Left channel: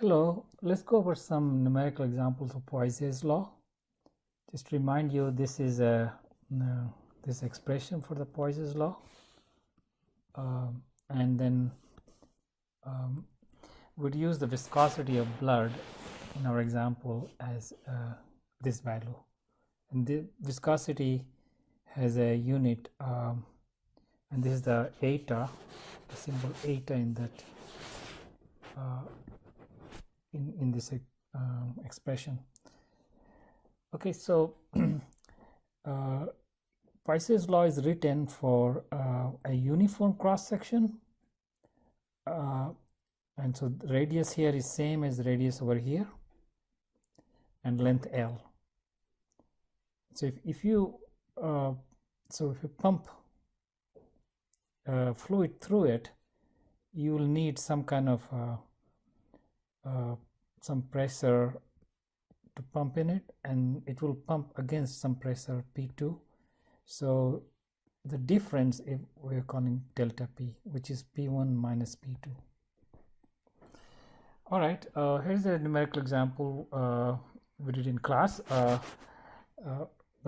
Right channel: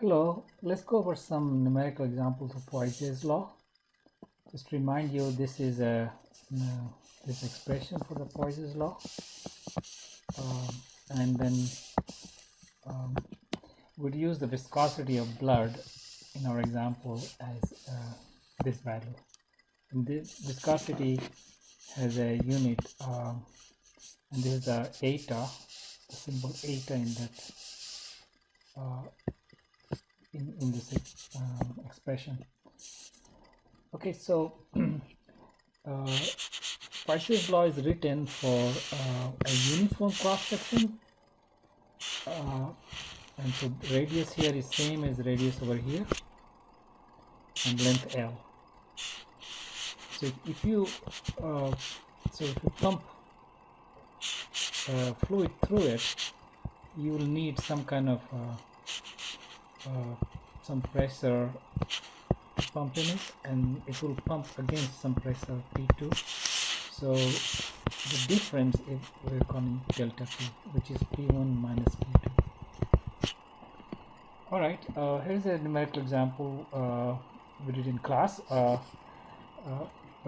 Hello, let's go over some numerical examples of Poiseuille's law. Just to remind you, this is this expression for the Poiseuille's law, and then we'd use the viscosity of blood in our example as this value. And this viscosity has a unit, and this is the eta, the symbol eta in that in this expression. Okay, so Poiseuille's law is written for a uniform cross section, and so radius here is same as radius over here, and length L. So if you pump fluid through it, you will need some kind of some pressure to pump in it, and it will pump against some pressure P2. So the difference is we're calling delta P, which is P1 minus P2. All right, here's a numerical example we did in class, but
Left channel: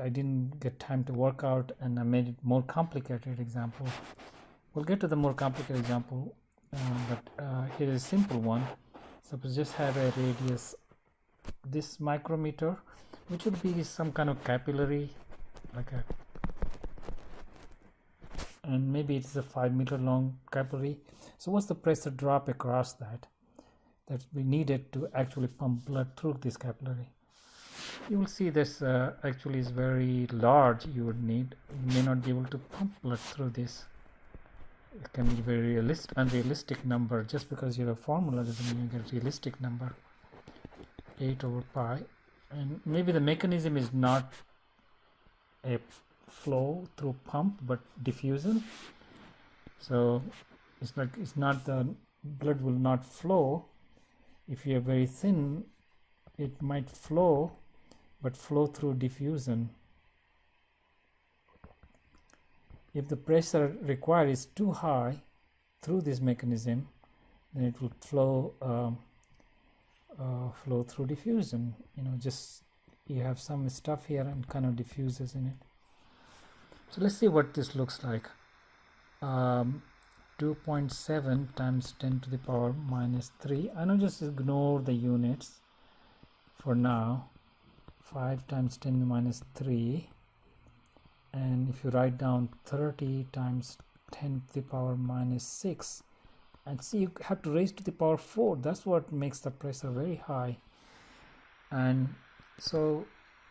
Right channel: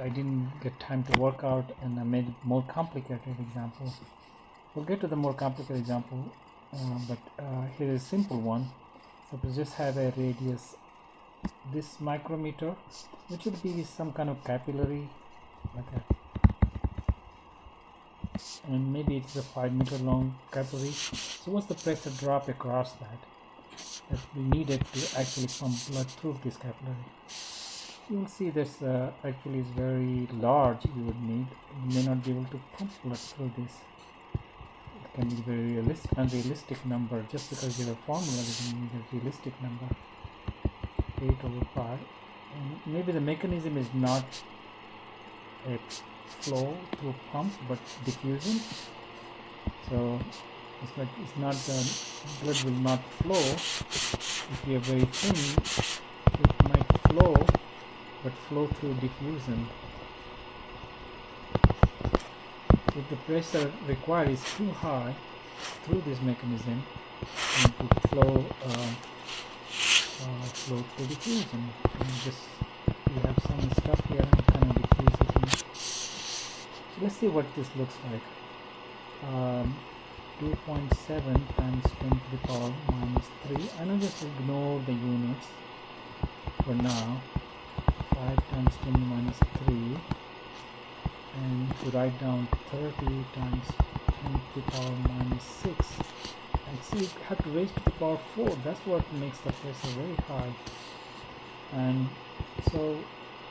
I didn't get time to work out, and I made it more complicated example. We'll get to the more complicated example, but here is a simple one. Suppose just have a radius, this micrometer, which would be some kind of capillary, like a, and maybe it's a 5 meter long capillary. So what's the pressure drop across that we needed to actually pump blood through this capillary? You will see this actually is very large. You would need, you may not be able to pump blood through this. It can be very unrealistic number. Just because you have a formula doesn't mean a realistic number. 8/pi, and maybe the mechanism is not a flow through pump but diffusion. So it's not the blood will not flow. If you are very thin, it might flow, but flow through diffusion. If the pressure required is too high through this mechanism, it would flow through diffusion. And just we have some stuff here and it kind of diffuses in it. So let's see what this looks like. 2.7 times 10 to the power minus 3. I know, just ignore the units for now. 5 times 10 minus 3. And if you write down 30 times 10 to the power minus 6, and see, you have to raise to the power 4. That's what makes the pressure very high. And so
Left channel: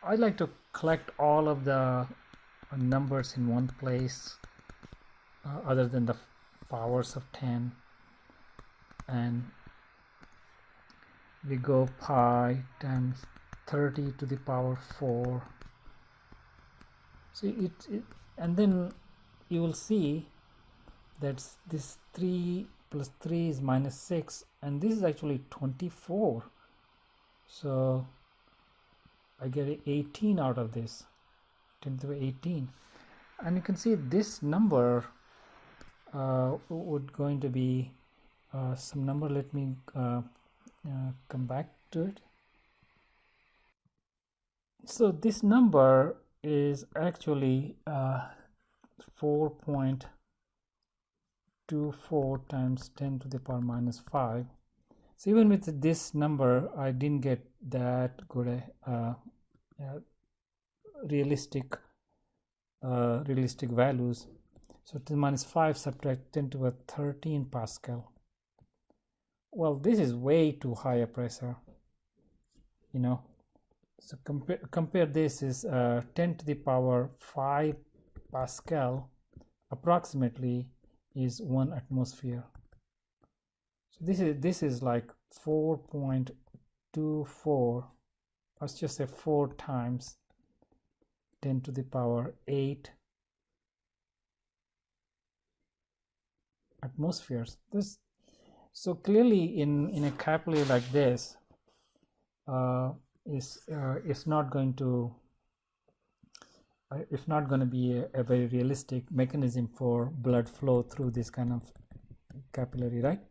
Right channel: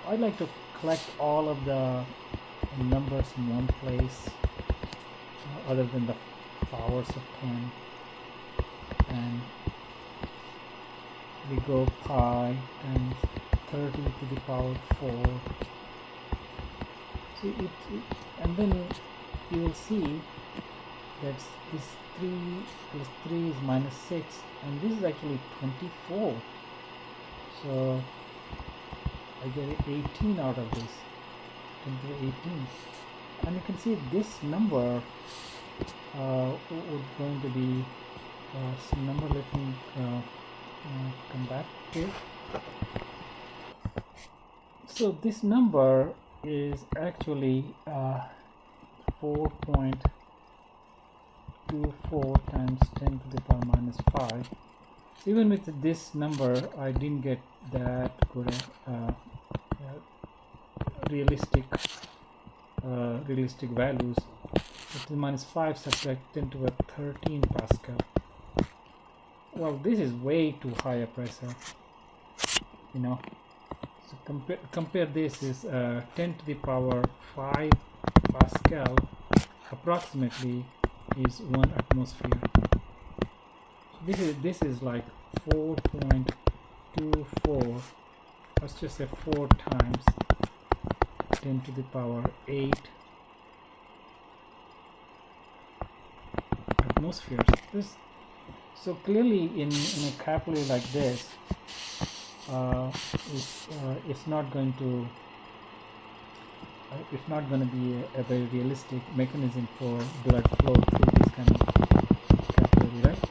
I like to collect all of the numbers in one place, other than the powers of 10, and we go pi times 30 to the power 4. See it, and then you will see that this 3 plus 3 is minus 6, and this is actually 24. So I get 18 out of this, 10 to the 18. And you can see this number would going to be some number. Let me come back to. So this number is actually 4.24 times 10 to the power minus 5. So even with this number, I didn't get that good realistic values. But the minus 5 subtract 10 to the 13 Pascal. Well, this is way too high a pressure, you know. So compare this is 10 to the power 5 Pascal approximately is 1 atmosphere. So this is like 4.24. Let's just say 4 times 10 to the power 8 atmospheres. So clearly in a capillary like this, it's not going to be a very realistic mechanism for blood flow through this kind of capillary, right?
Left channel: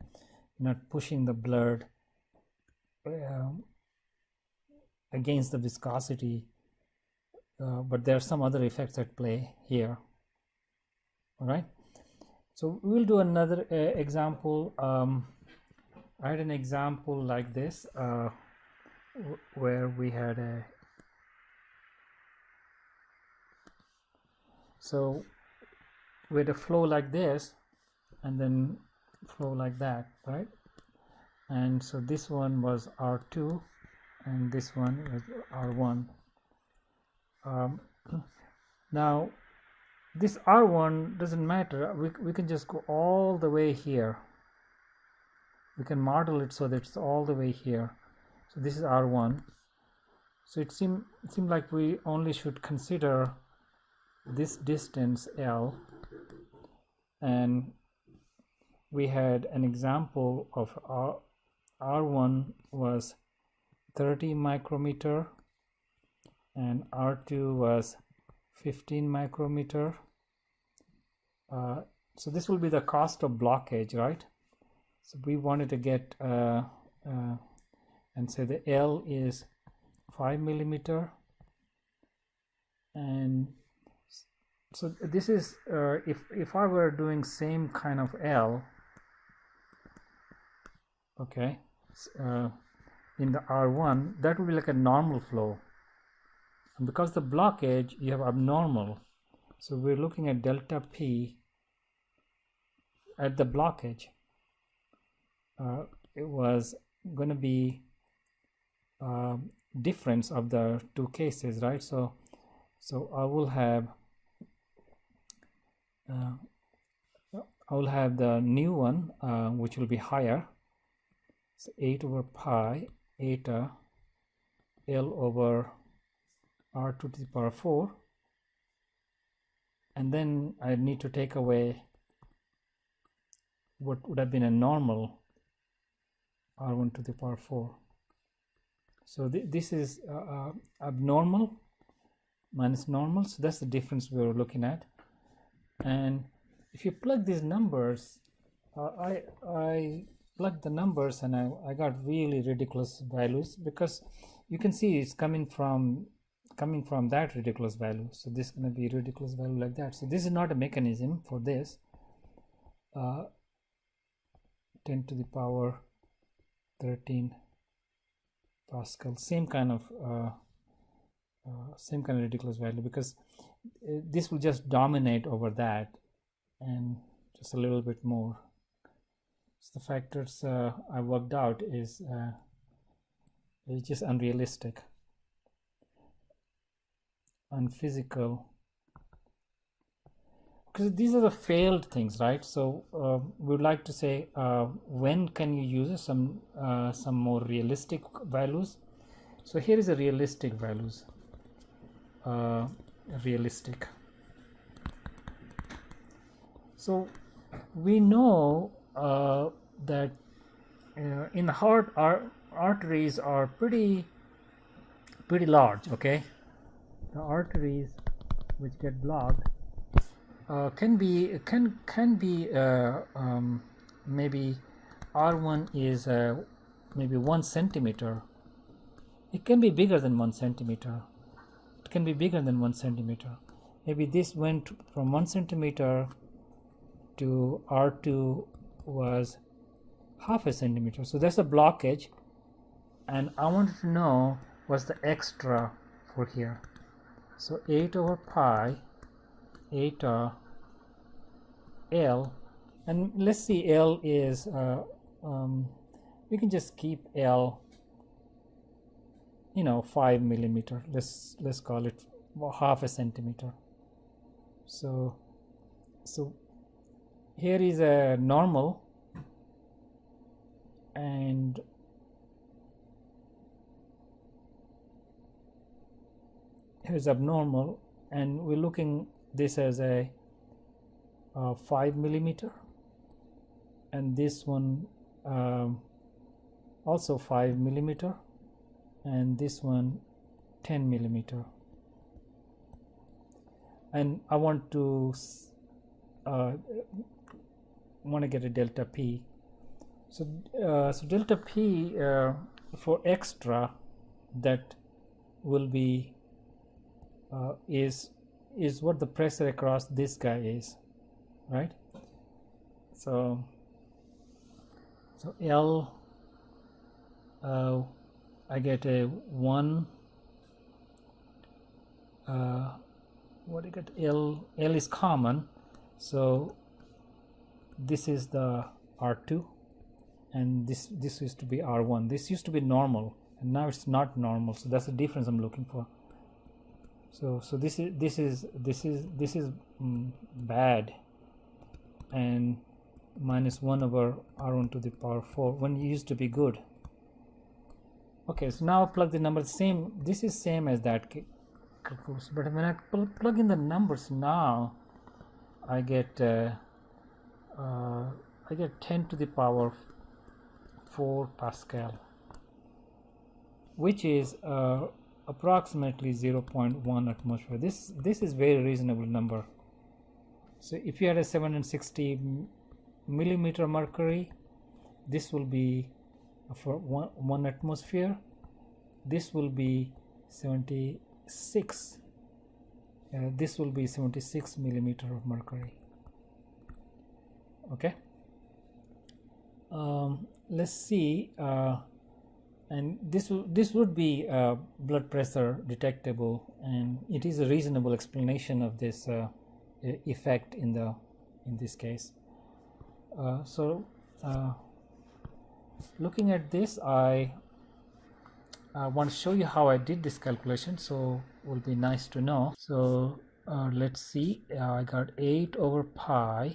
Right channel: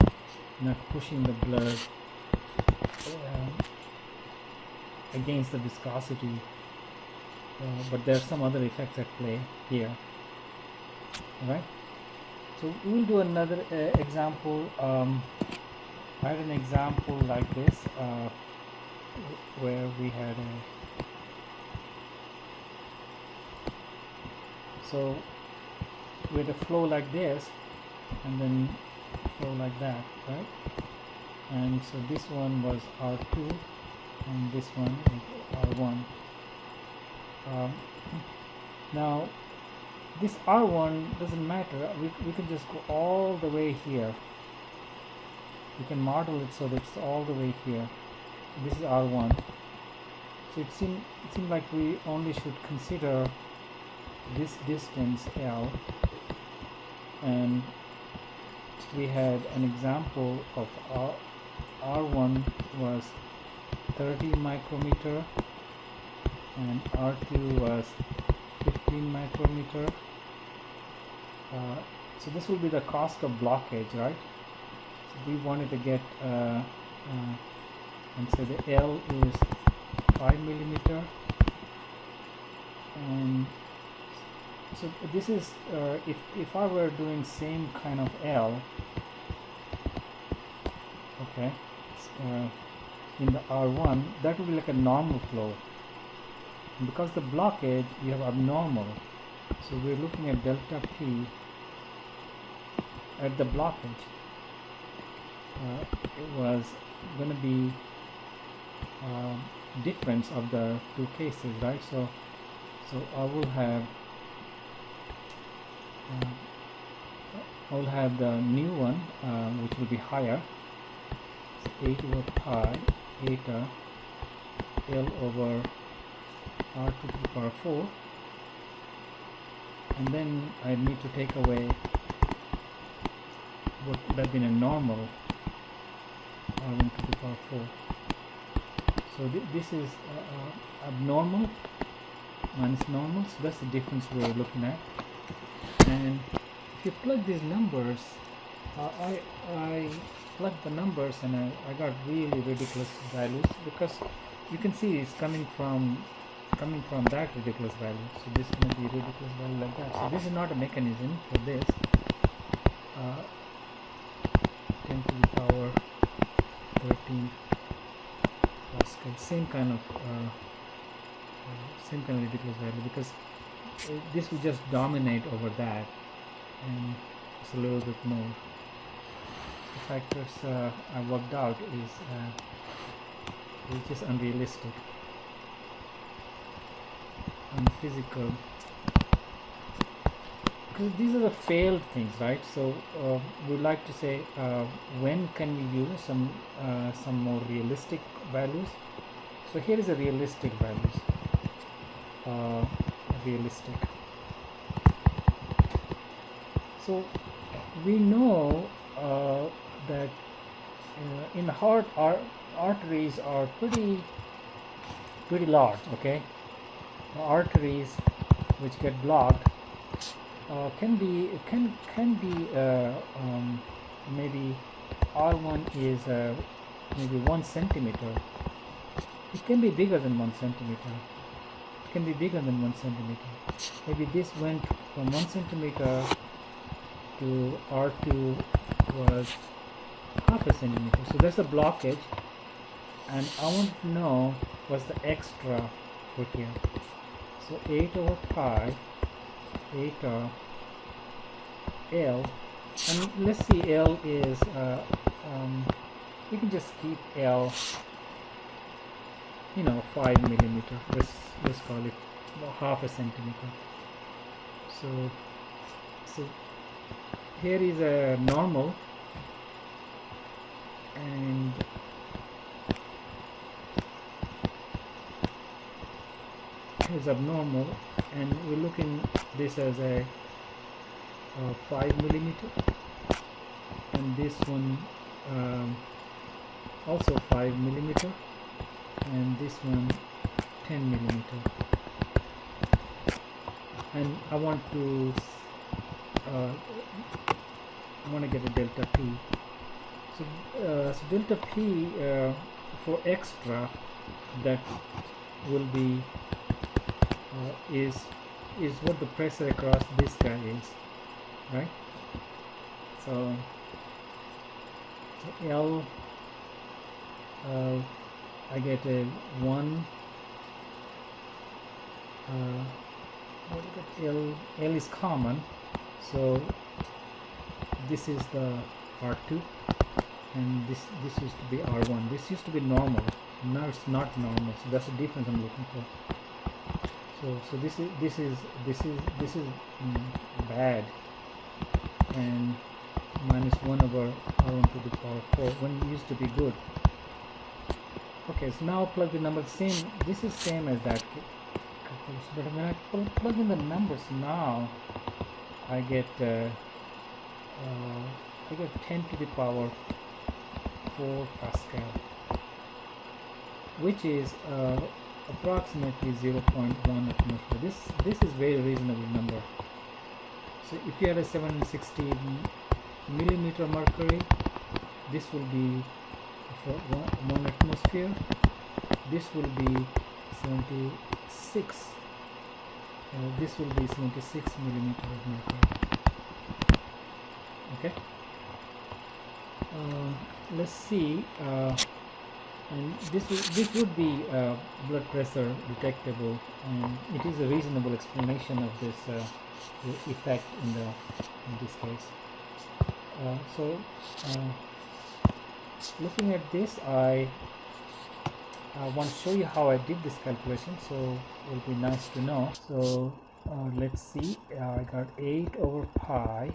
Not pushing the blood against the viscosity, but there are some other effects at play here. All right, so we will do another example. Write an example like this, where we had with a flow like this, and then flow like that, right? And so this one was R2, and this one is R1. Now this R1 doesn't matter, we can just go all the way here. We can model it so that it's all the way here. So this is R1. So it seemed like we only should consider this distance L, and we had an example of R1 was 30 micrometer and R2 was 15 micrometer. So this will be the cost of blockage, right? So we wanted to get and so the L is 5 millimeter, and so this is if I were doing same kind of L, okay, in the R1, that would be like a normal flow. And because the blockage, you have abnormal, so we're looking at delta P at the blockage. It was going to be difference of the two cases, right? So I will have the new one, which will be higher. So 8 over pi eta L over R2 to the power 4, and then I need to take away what would have been a normal R1 to the power 4. So this is abnormal minus normal, so that's the difference we're looking at. And if you plug these numbers, I plugged the numbers and I got really ridiculous values, because you can see it's coming from that ridiculous value. So this is going to be ridiculous value like that. So this is not a mechanism for this. 10 to the power 13 Pascal, same kind of ridiculous value, because this will just dominate over that, and it's a little bit more. The factors I worked out is just unrealistic, unphysical, because these are the failed things, right? So we would like to say when can you use some more realistic values. So here is a realistic values, realistic. So we know that in the heart arteries are pretty large, okay? The arteries which get blocked can be maybe R1 is maybe 1 centimeter. It can be bigger than 1 centimeter. It can be bigger than 1 centimeter. Maybe this went from 1 centimeter to R2 was half a centimeter. So that's a blockage, and I wanted to know what's the extra for here. So 8 over pi eta L, and let's see, L is we can just keep L, 5 millimeter. Let's call it half a centimeter. So here is a normal, and here's abnormal, and we're looking this as a 5 millimeter, and this one also 5 millimeter, and this one 10 millimeter. And I want to get a delta P. So delta P for extra, that will be is what the pressure across this guy is, right? So L, I get a 1, what do you get? L is common, so this is the R2, and this used to be R1. This used to be normal, now it's not normal, so that's the difference I'm looking for. So this is bad, and minus 1 over R1 to the power 4 when it used to be good. Okay, so now plug the numbers. Same, this is same as that calculation, but when I plug in the numbers now, I get 10 to the power 4 Pascal, which is approximately 0.1 atmosphere. This is very reasonable number. So if you had a 760 millimeter mercury, this will be for one atmosphere. This will be 76. This will be 76 millimeter of mercury. Okay. Let's see. And this would be blood pressure detectable, and it is a reasonable explanation of this effect in this case. Looking at this, I want to show you how I did this calculation, so it will be nice to know. So let's see, I got 8 over pi,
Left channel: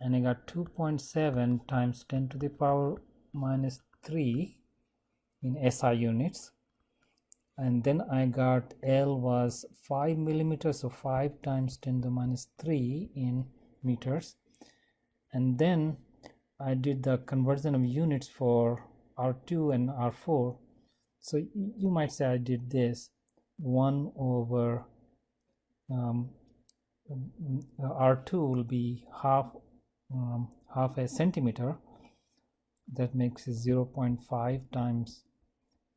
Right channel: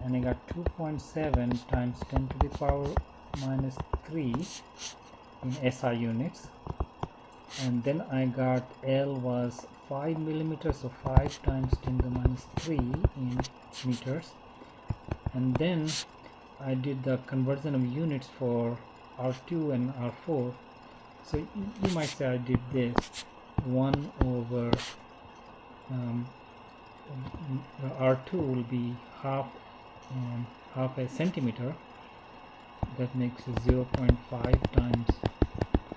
and I got 2.7 times 10 to the power minus 3 in SI units, and then I got L was 5 millimeters, so 5 times 10 to the minus 3 in meters, and then I did the conversion of units for R2 and R4. So you might say I did this 1 over R2 will be half a centimeter. That makes it 0.5 times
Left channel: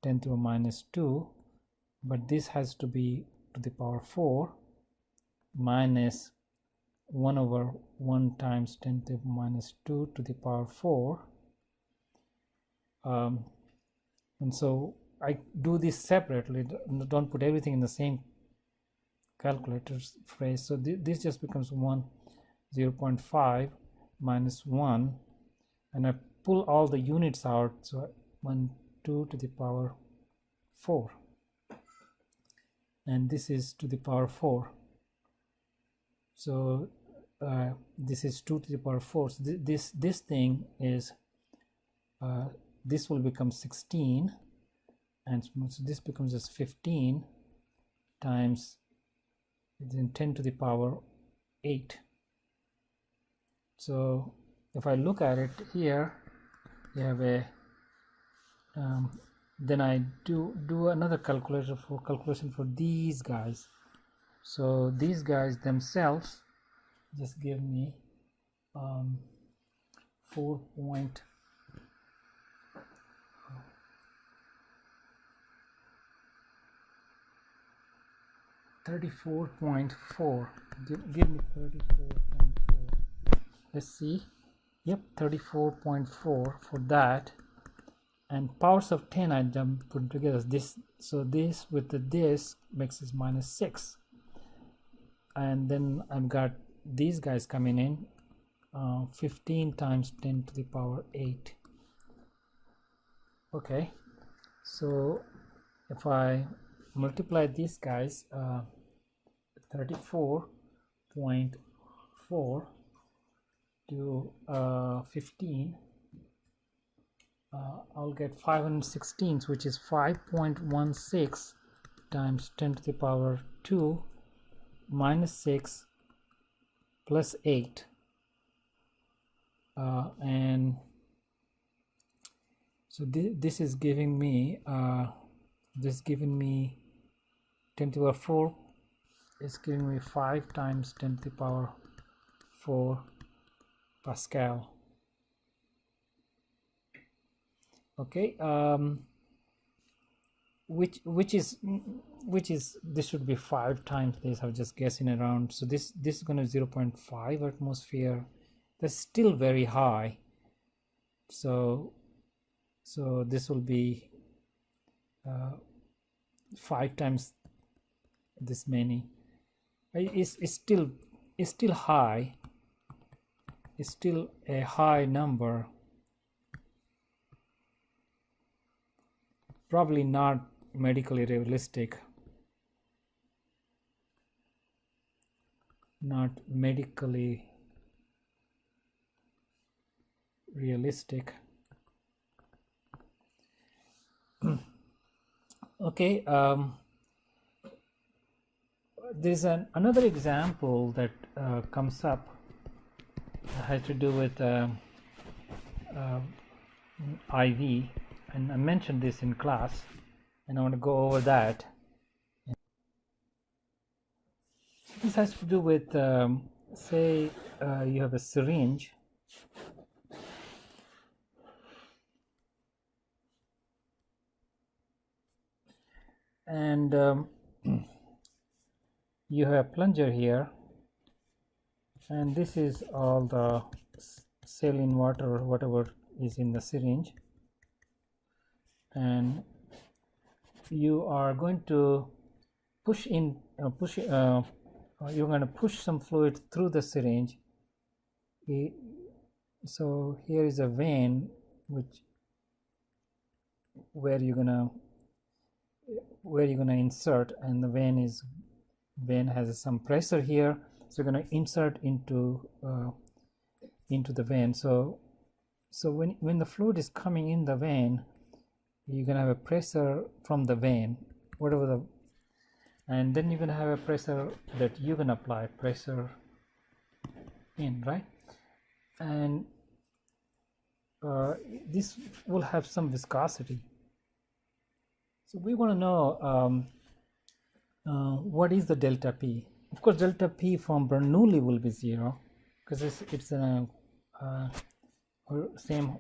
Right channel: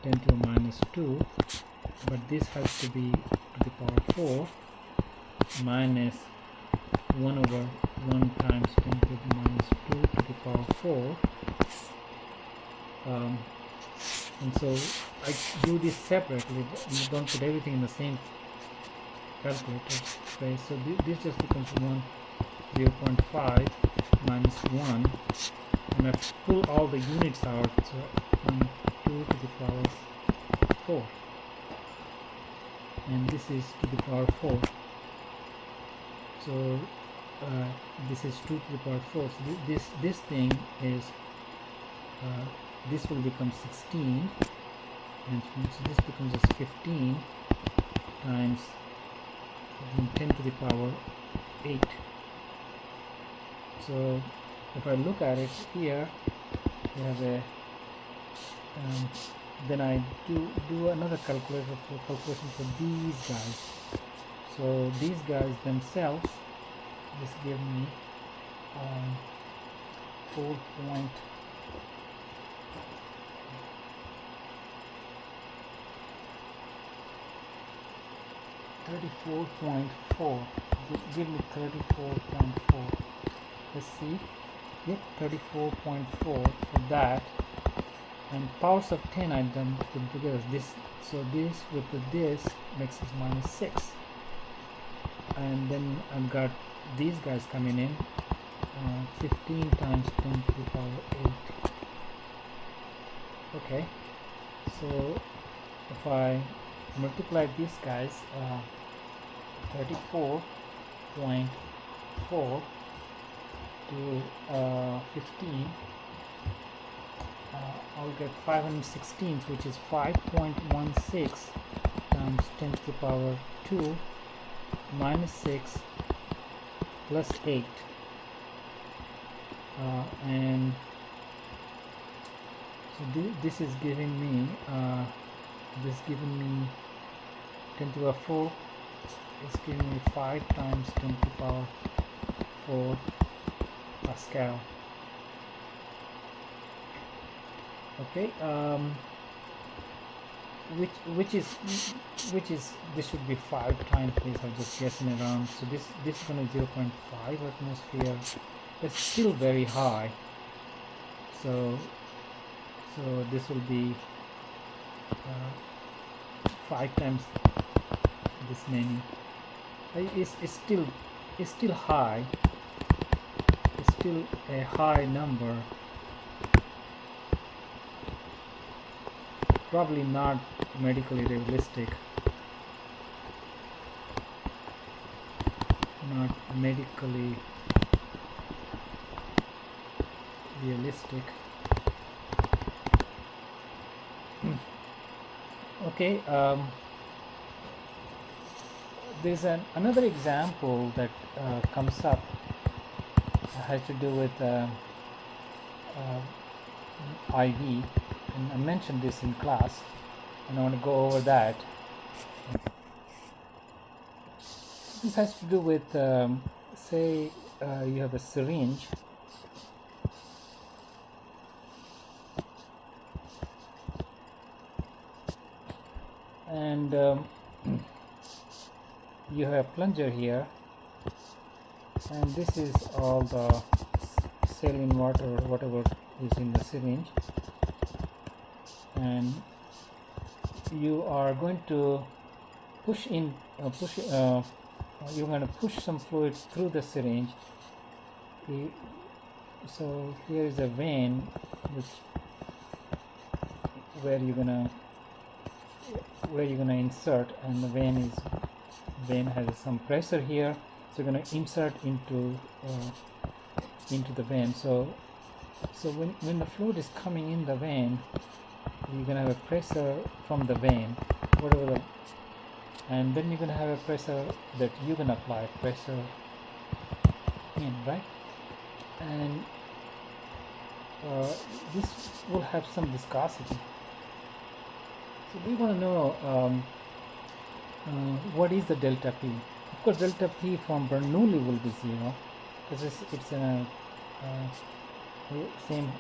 10 to the minus 2, but this has to be to the power 4 minus 1 over 1 times 10 to the minus 2 to the power 4. And so I do this separately, don't put everything in the same calculator space. So this just becomes 0.5 minus 1, and I pull all the units out, so 2 to the power 4, and this is to the power 4. So this is 2 to the power 4. So this thing is this will become 16, and so this becomes just 15 times 10 to the power 8. So if I look at it here, we have a then I do another calculation for these guys. So these guys themselves, this give me 34.4. Give me 34.4. Let's see. Yep, 34.4 for that. And powers of 10 I done put together. This, so this with this makes us minus 6. And then I've got these guys coming in, 15 times 10 to the power 8. Okay, so if I multiply these guys, 34.4 to 15, I'll get 516, which is 5.16 times 10 to the power 2 minus 6 plus 8, and so this is giving me 10 to the 4 is giving me 5 times 10 to the power 4 Pascal. Okay, which is this should be 5 times this. I'm just guessing around. So this is going to 0.5 atmosphere. It's still very high. So this will be 5 times this many. It's still high. It's still a high number. Probably not medically realistic. Not medically realistic. Okay, there's another example that comes up. Has to do with IV, and I mentioned this in class, and I want to go over that. This has to do with say you have a syringe, and you have a plunger here, and this is all the saline water or whatever is in the syringe, and you are going to push in you're going to push some fluid through the syringe. So here is a vein where you're gonna insert, and the vein has some pressure here, so you're going to insert into the vein. So when the fluid is coming in the vein, you're going to have a pressure from the vein, and then you're going to have a pressure that you're going to apply pressure in, right? And this will have some viscosity. So we want to know what is the delta P. Of course, delta P from Bernoulli will be 0 because it's in a same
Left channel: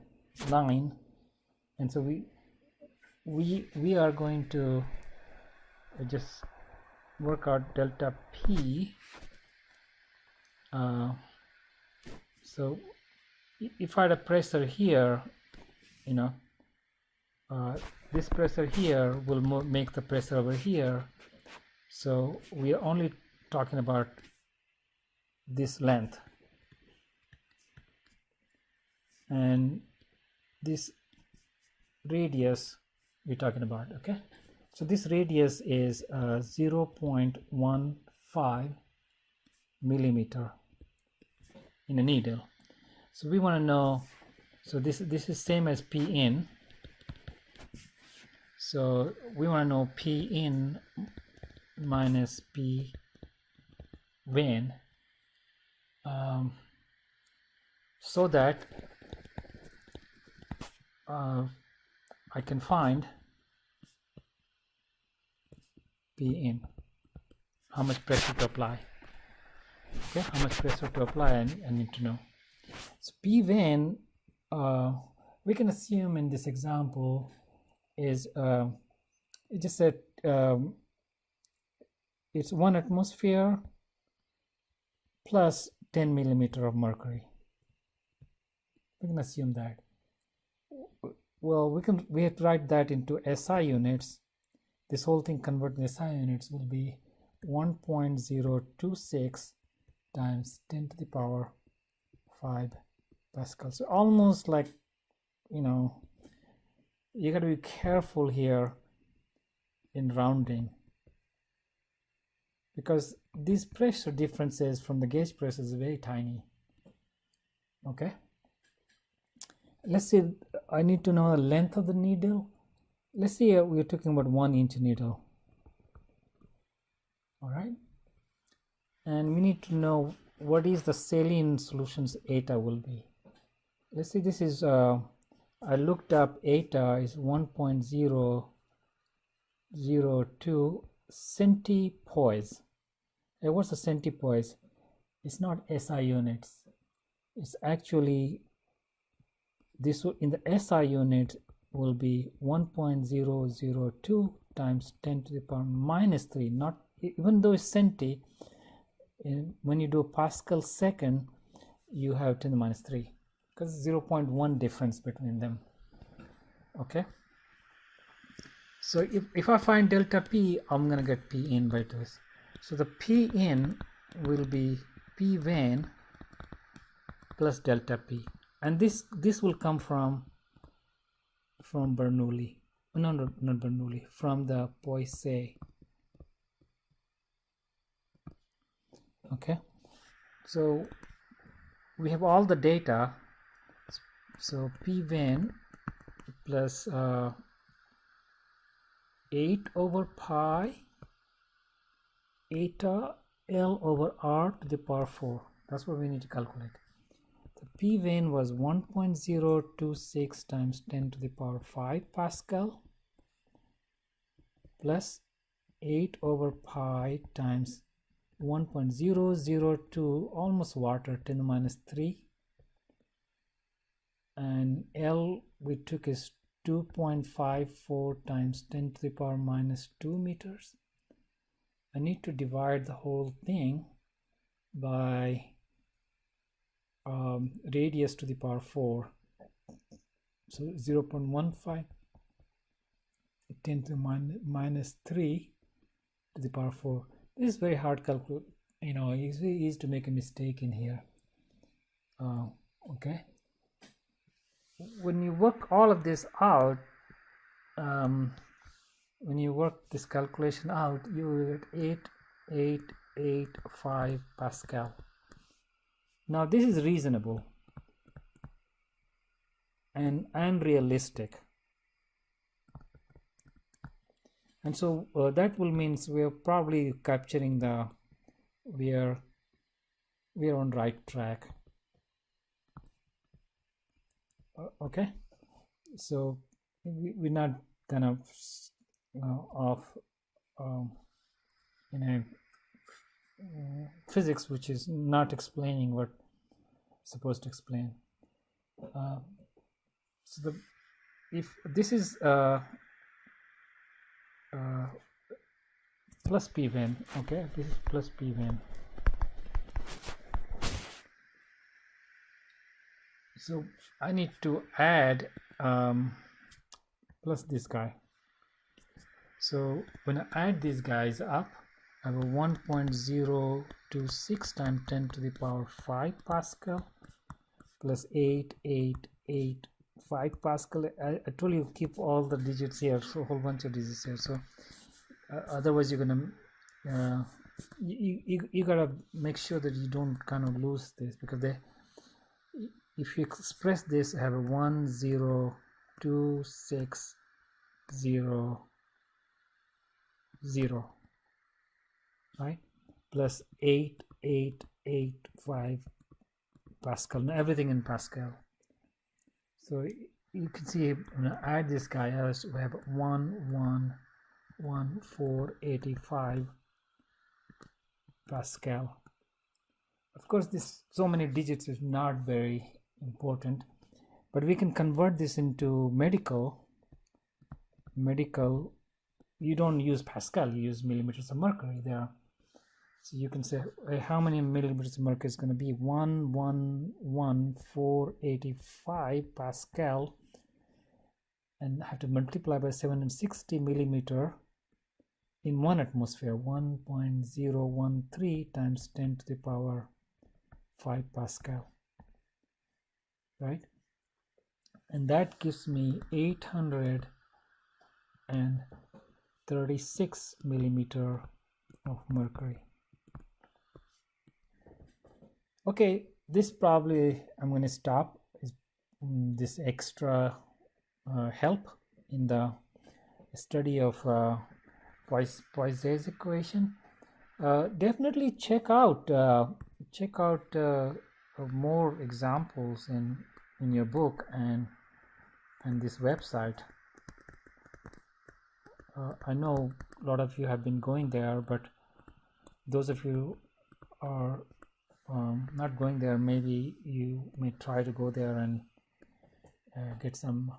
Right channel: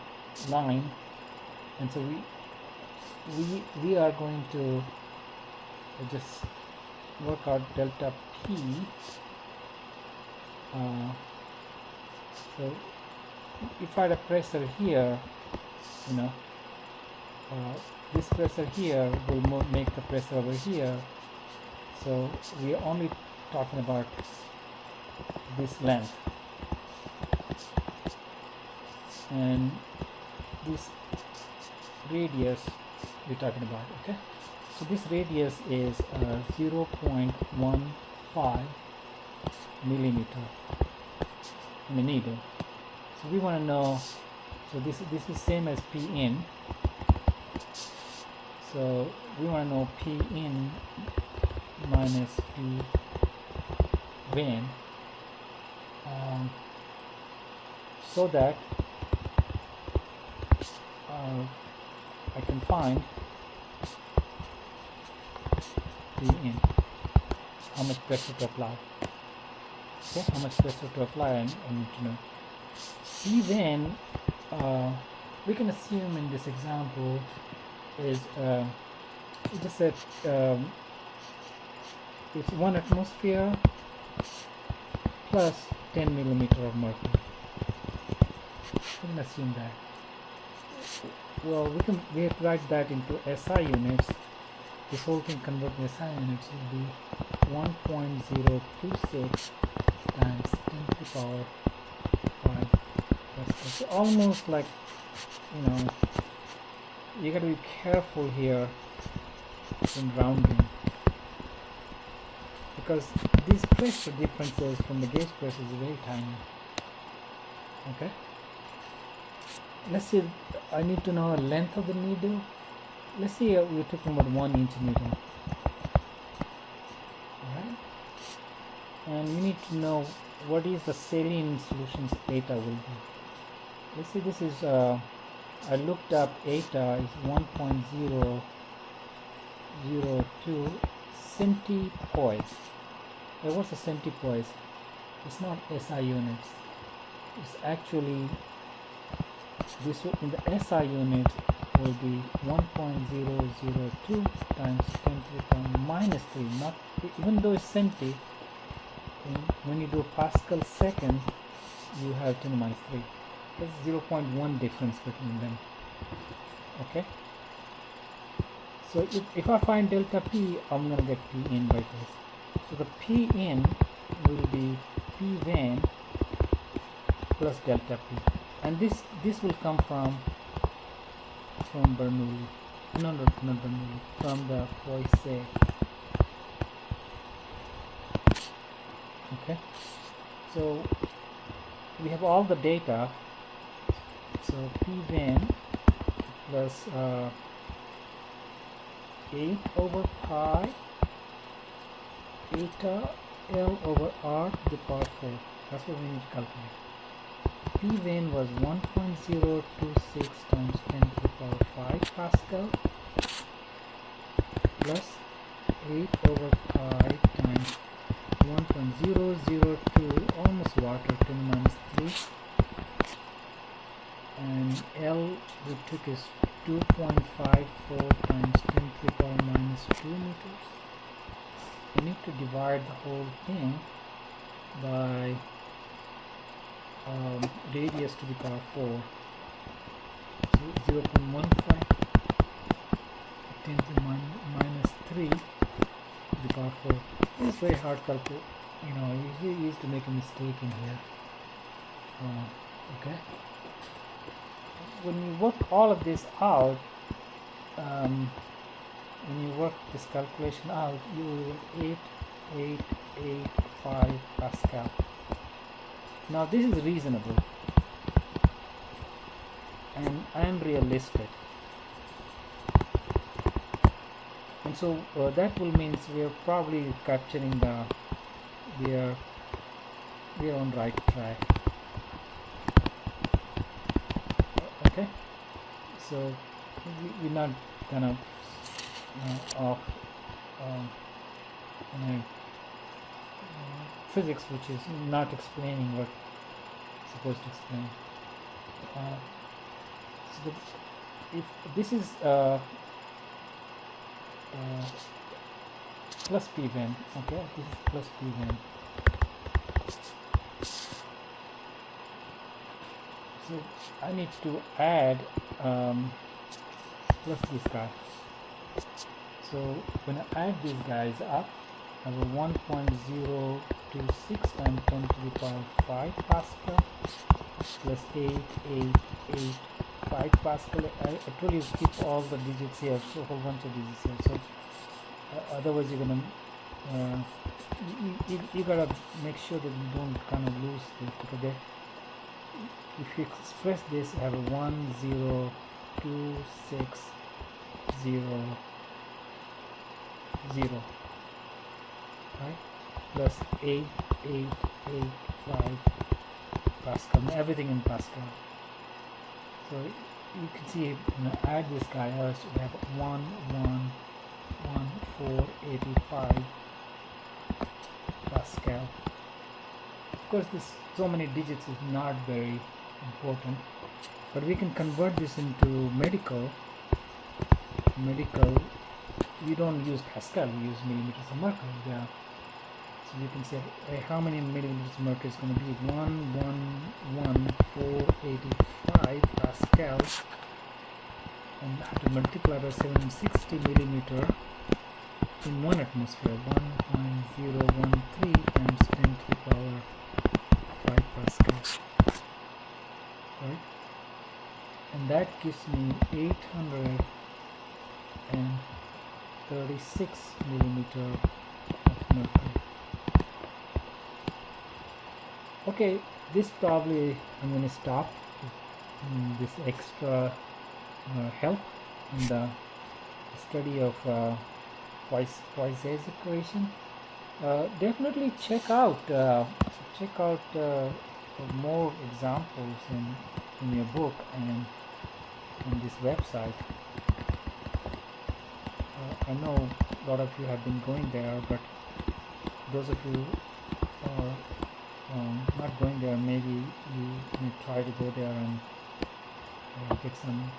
line, and so we are going to just work out delta P. So if I had a pressure here, this pressure here will make the pressure over here. So we are only talking about this length, and this radius we're talking about. Okay, so this radius is 0.15 millimeter in the needle. So we want to know, so this is same as P in, so we want to know P in minus P vein, so that I can find P in, how much pressure to apply. Okay, how much pressure to apply, and I need to know. P vein, we can assume in this example is it just said it's 1 atmosphere plus 10 millimeter of mercury. We can assume that. Well, we have to write that into SI units. This whole thing converted to SI units will be 1.026 times 10 to the power 5 Pascal. So almost like, you got to be careful here in rounding, because these pressure differences from the gauge pressure is very tiny. Okay, let's say I need to know the length of the needle. Let's say we're talking about 1 inch needle. Alright, and you need to know what is the saline solution's eta will be. Let's say this is I looked up eta is 1.002 centipoise. What's a centipoise? It's not SI units. It's actually this in the SI unit will be 1.002 times 10 to the power minus 3. Not even though it's centi, when you do Pascal second, you have 10 to the minus 3. There's 0.1 difference between them. Okay. So if I find delta P, I'm gonna get P in by this. So the P in will be P van plus delta P, and this will come from Bernoulli, not Bernoulli, from the Poiseuille. Okay, so we have all the data. So P van plus 8 over pi eta L over R to the power 4. That's what we need to calculate. P van was 1.026 times 10 to the power 5 Pascal plus 8 over pi times 1.002, almost water, 10 to the minus 3, and L we took is 2.54 times 10 to the power minus 2 meters. I need to divide the whole thing by radius to the power 4. So 0.15 10 to the minus 3 to the power 4. This is very hard calculate. You know, it's very easy to make a mistake in here. Okay. When you work all of this out, when you work this calculation out, you will get 8885 Pascal. Now this is reasonable, and I am realistic, and so that will mean we are probably capturing we are on right track. Okay, so we're not kind of off in a physics which is not explaining what it's supposed to explain. So if this is plus P van, okay, this is plus P van. So I need to add plus this guy. So when I add these guys up, I have a 1.026 times 10 to the power 5 Pascal plus 8885 Pascal. I told you keep all the digits here, so a whole bunch of digits here. So otherwise you're gonna you gotta make sure that you don't kind of lose this, because if you express this, I have a 10260 right, plus 8885 Pascal. Now everything in Pascal. So you can see, add this guy, we have 11485 Pascal. Of course, this so many digits is not very important, but we can convert this into medical. We don't use Pascal, we use millimeters of mercury there. So you can say how many millimeters of mercury is going to be 11485 Pascal, and have to multiply by 760 millimeter in 1 atmosphere, 1.013 times 10 to the power 5 Pascal, right? And that gives me 836 millimeter of mercury. Okay, this probably I'm going to stop this extra help in the study of Poiseuille's equation. Definitely check out more examples in your book and this website. I know a lot of you have been going there, but those of you are not going there, maybe you may try to go there and get some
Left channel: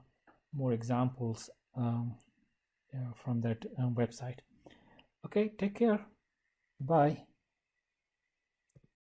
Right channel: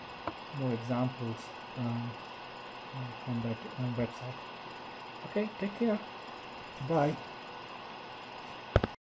more examples from that website. Okay, take care. Bye.